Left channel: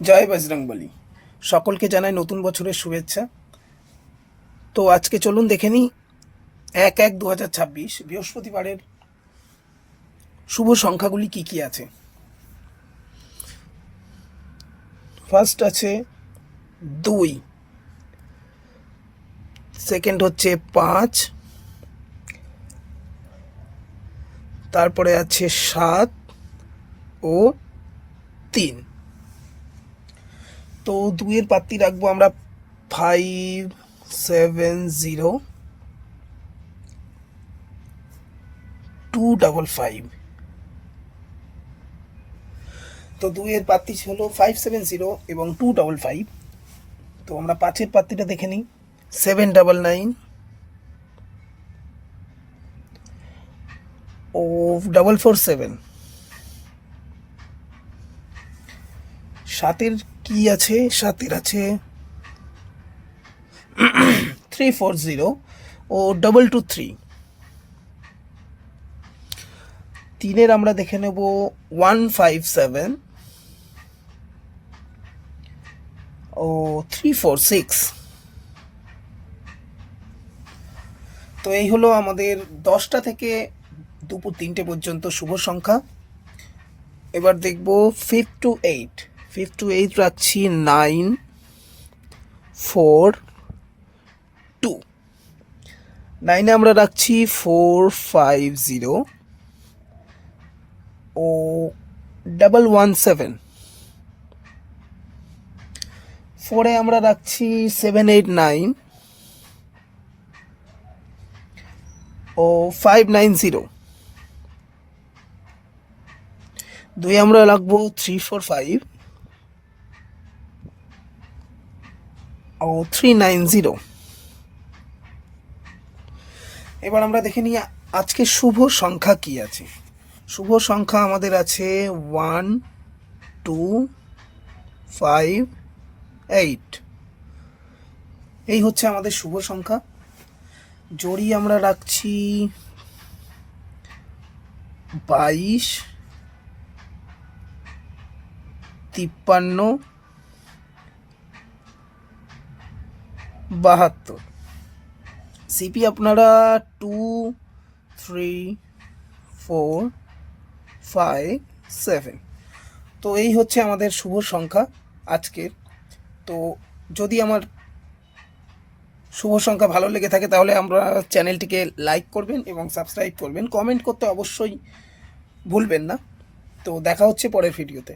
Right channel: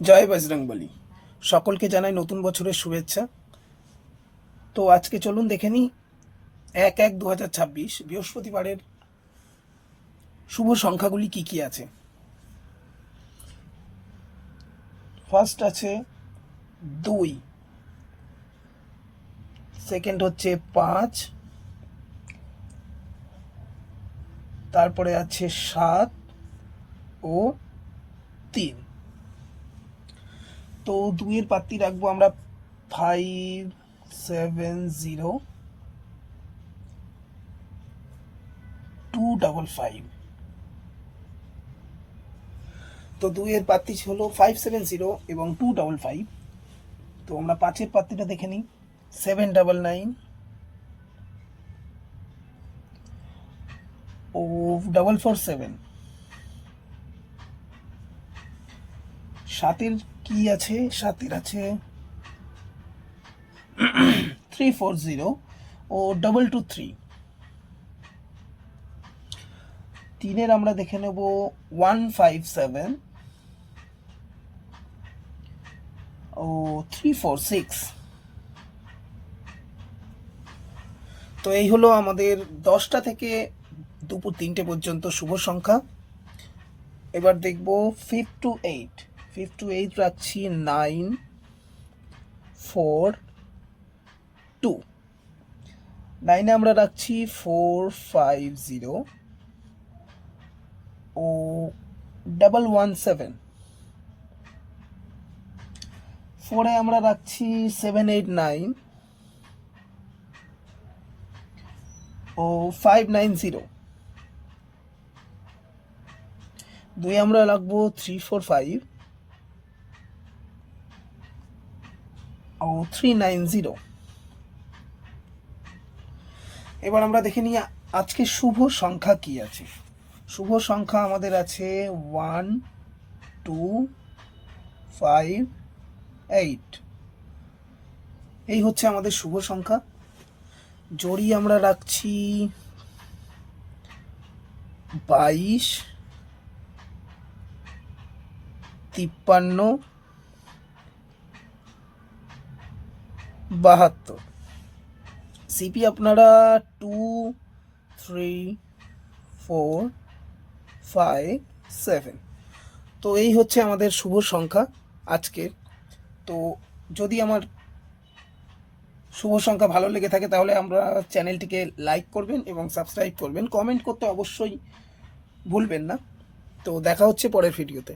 জয় বজরংবলী। সকলকে জানাই নতুন বছরের শুভেচ্ছা। তো আজকে চলুন দেখে নিই 1/1/2026 বৃহস্পতিবারের শুভ সংখ্যাগুলি কি কি আছে। ফার্স্ট আছে 2, সেকেন্ড হচ্ছে 5, তারপরে আছে 7 ও 3। তো 2-এর পাত্তি রাখবো আমরা 570255। তো 2-এর পাত্তি হলো 570 এবং 255। তো আমরা 5-এর পাত্তিটা দেখে নিই 799 ও 447। 7-এর কি আছে? 7-এর আছে 340 ও 223। 3-এর আমরা দেখে নেব 157 ও 346। তো এই হলো আমাদের 10টা থেকে দুপুর 3টে পর্যন্ত শুভ সংখ্যা। এবার দেখব 5 to 8। 5 to 8 রাখছি 9, 4, 2। 9-এ আমরা রাখছি 450 ও 117। 4-এ আমরা রাখছি 789 ও 590। 2-এ আমরা রাখবো 345 ও 390। এবার আমরা দেখে নিই আজকে শুভ সংখ্যা কি আছে। শুভ সংখ্যা আমাদের আছে 1, 2, 5, 8। এই হচ্ছে আমাদের শুভ সংখ্যা। জড়ি আমরা রাখছি 22, 53, 72। সিপি আপনারা 2, 3, 4, 5, 7। তো এই হচ্ছে আমাদের শুভ সংখ্যা আজকের। তো যদি আমার শুভ সংখ্যা ভালো লেগে থাকে তাহলে আমরা চ্যানেলটিকে লাইক করবেন এবং সাবস্ক্রাইব করবেন, কমেন্ট করতে অবশ্যই ভুলবেন না। তো দেখা হচ্ছে পরের ভিডিওতে।